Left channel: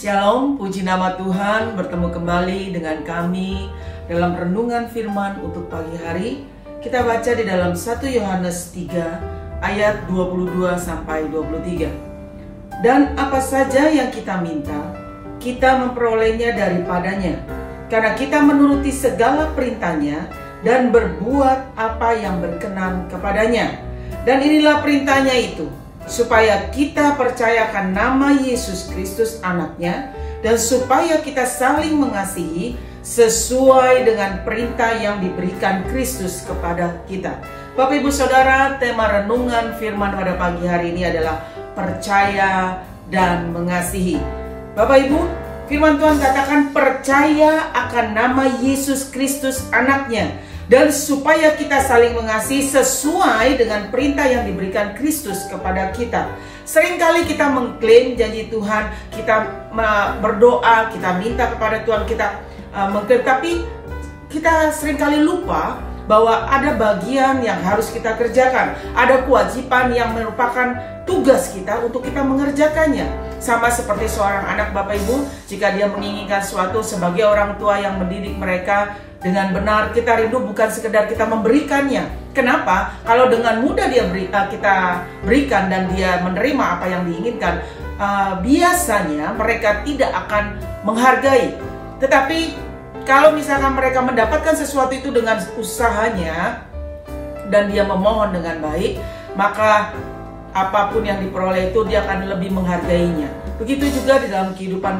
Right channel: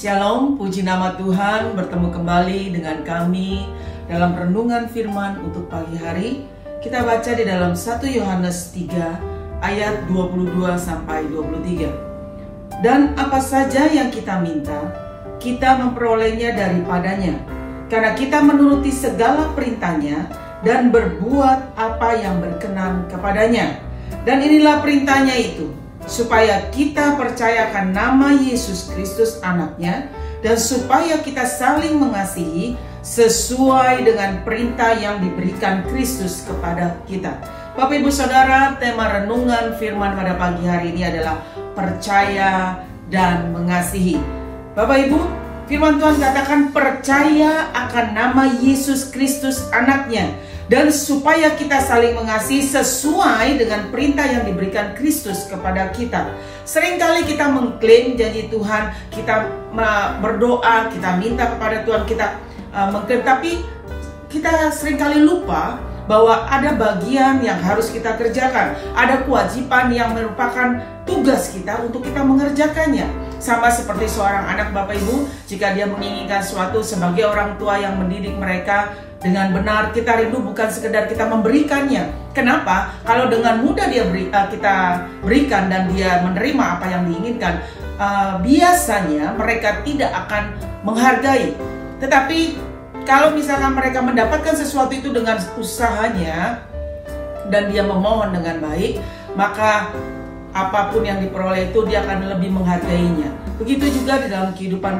Shalom, puji nama Tuhan, bertemu kembali dengan kami dalam renungan firman untuk pagi hari. Kita baca di dalam 1 Yohanes 3 ayat 22-23. Dan apa saja yang kita minta, kita memperolehnya daripadanya, karena kita menuruti segala perintahnya dan berbuat apa yang berkenan kepadanya. Dan inilah perintahnya itu, supaya kita percayakan nama Yesus Kristus anaknya, dan supaya kita saling mengasihi sesuai dengan perintah yang diberikan Kristus kepada kita. Bapak Ibu Saudara, tema renungan firman pada pagi hari ini adalah percaya dan mengasihi. Bapak Ibu, firman Tuhan katakan percaya akan nama Yesus Kristus anaknya, dan supaya kita saling mengasihi sesuai dengan perintah yang diberikan Kristus kepada kita. Seringkali kita mengklaim janji Tuhan, kita berdoa, kita minta kepada Tuhan, kita mengklaim, tapi kita seringkali lupa bahwa ada bagian yang harus kita kerjakan. Ada kewajiban yang merupakan tugas kita untuk kita mengerjakannya. Sama seperti seorang anak Bapak Ibu, jika dia menginginkan sesuatu sebagai orang tua yang mendidik mereka dengan benar, kita rindu bukan sekedar kita memberikannya. Kenapa? Kalau dengan mudah kita berikan dan dia menerima apa yang diinginkan, biasanya mereka tidak akan menghargai. Tetapi kalau misalkan mereka mendapatkan sesuatu itu dengan usahanya dan dia memohon dengan baik, maka apapun yang diperoleh itu dia akan lebih menghargainya. Begitu juga di dalam kehidupan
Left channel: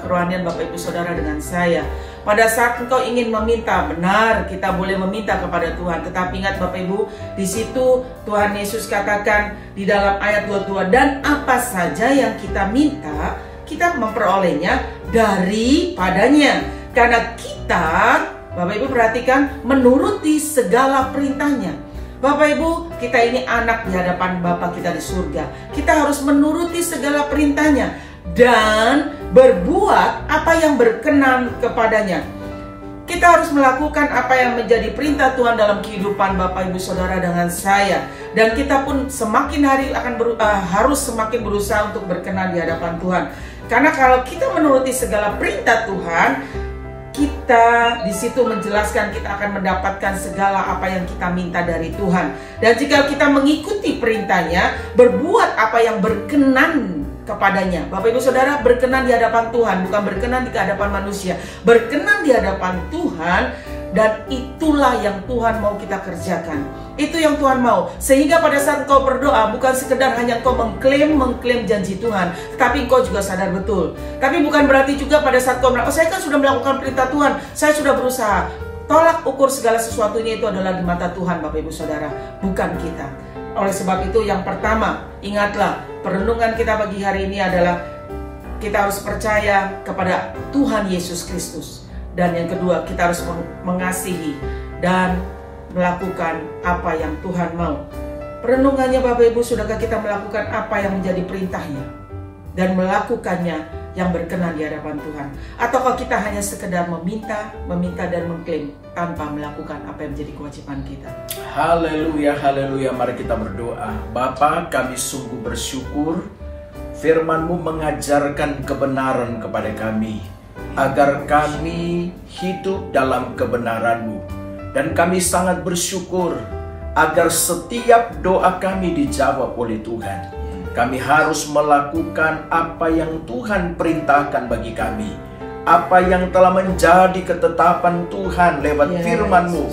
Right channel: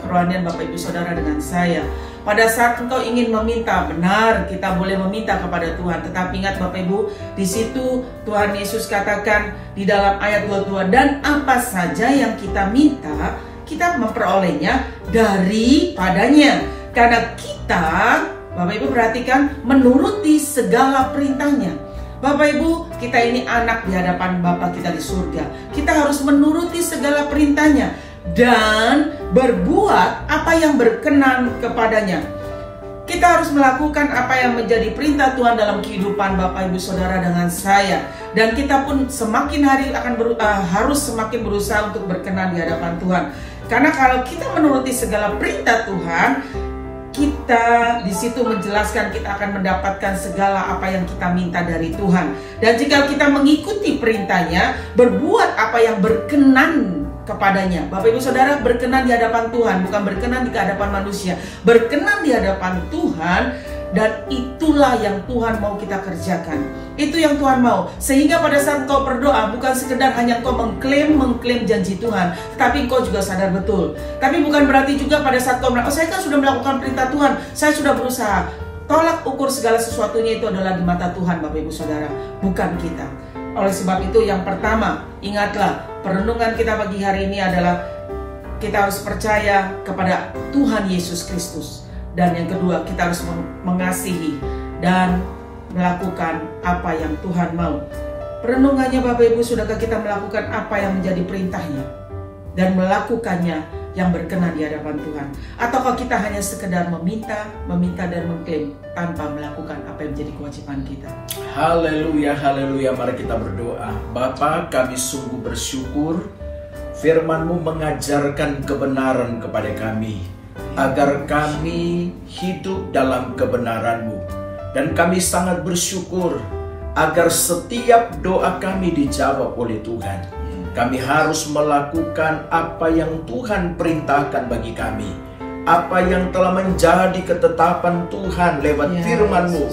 kerohanian Bapak Ibu Saudara dengan saya. Pada saat engkau ingin meminta, benar kita boleh meminta kepada Tuhan. Tetapi ingat Bapak Ibu, di situ Tuhan Yesus katakan di dalam ayat 22, dan apa saja yang kita minta, kita memperolehnya daripadanya. Karena kita, Bapak Ibu perhatikan, menuruti segala perintahnya. Bapak Ibu, kita ini anak di hadapan Bapa kita di surga. Kita harus menuruti segala perintahnya dan berbuat apa yang berkenan kepadanya. Kita harus melakukan apa yang menjadi perintah Tuhan dalam kehidupan Bapak Ibu Saudara dengan saya. Dan kita pun semakin hari harus semakin berusaha untuk berkenan di hadapan Tuhan. Karena kalau kita menuruti segala perintah Tuhan, kita di situ menjelaskan kita akan mendapatkan segala apa yang kita minta dari Tuhan. Dan jika kita mengikuti perintahnya, berbuat apa yang berkenan kepadanya. Bapak Ibu Saudara, berkenan di hadapan Tuhan, bukan berkenan di hadapan manusia. Berkenan di hadapan Tuhan, dan itulah yang Tuhan mau kita kerjakan. Itu yang Tuhan mau. Sehingga pada saat engkau berdoa, bukan sekedar hanya engkau mengklaim janji Tuhan, tapi engkau juga sadar betul. Tapi bukan berarti juga pada saat engkau bilang, oh saya kan sudah melakukan perintah Tuhan, saya sudah berusaha. Tolak ukur segala sesuatunya itu adalah di mata Tuhan, Bapak Ibu Saudara, bukan kita. Oleh sebab itu yang pertama, ingatlah, perenungan kita pagi hari ini adalah kita harus percaya kepada Tuhan Yesus Kristus. Dan yang kedua, kita harus mengasihi dan melakukan apa yang Tuhan mau. Perenungannya Bapak Ibu, sudahkah kita melakukan apa yang menjadi perintahnya dan melakukannya yang berkenan di hadapan Tuhan? Ataukah kita hanya sekedar meminta dan mengklaim tanpa melakukan apa yang menjadi kewajiban kita? Haleluya, haleluya. Mari kita berdoa. Bapa, kami sungguh bersyukur firman-Mu mengajarkan kebenaran kepada kami, agar kami hidup dalam kebenaran-Mu. Dan kami sangat bersyukur agar setiap doa kami dijawab oleh Tuhan. Kami harus melakukan apa yang Tuhan perintahkan bagi kami, apa yang telah menjadi ketetapan Tuhan lewat firman-Mu.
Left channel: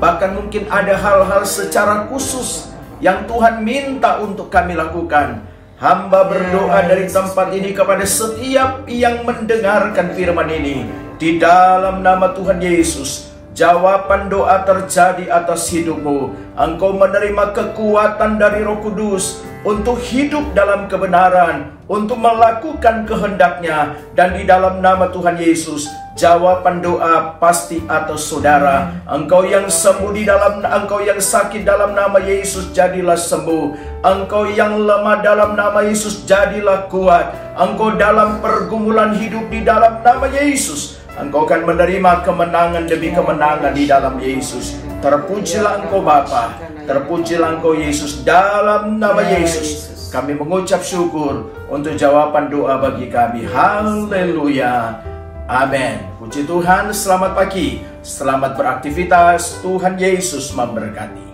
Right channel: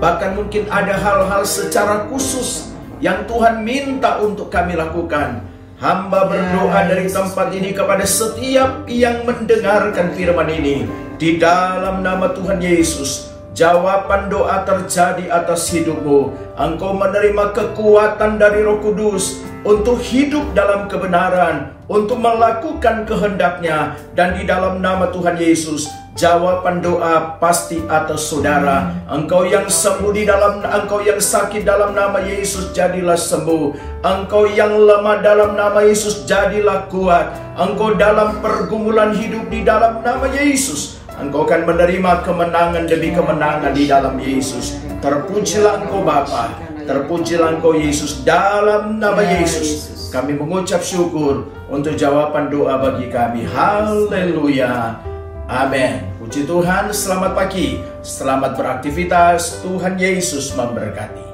Bahkan mungkin ada hal-hal secara khusus yang Tuhan minta untuk kami lakukan. Hamba berdoa dari tempat ini kepada setiap yang mendengarkan firman ini, di dalam nama Tuhan Yesus, jawaban doa terjadi atas hidupmu. Engkau menerima kekuatan dari Roh Kudus untuk hidup dalam kebenaran, untuk melakukan kehendak-Nya. Dan di dalam nama Tuhan Yesus, jawaban doa pasti atas saudara. Engkau yang sembuh engkau yang sakit dalam nama Yesus, jadilah sembuh. Engkau yang lemah dalam nama Yesus, jadilah kuat. Engkau dalam pergumulan hidup di dalam nama Yesus, engkau akan menerima kemenangan demi kemenangan di dalam Yesus. Terpujilah Engkau Bapa. Terpujilah Engkau Yesus, dalam nama Yesus kami mengucap syukur untuk jawaban doa bagi kami. Haleluya. Amin. Puji Tuhan, selamat pagi, selamat beraktivitas. Tuhan Yesus memberkati.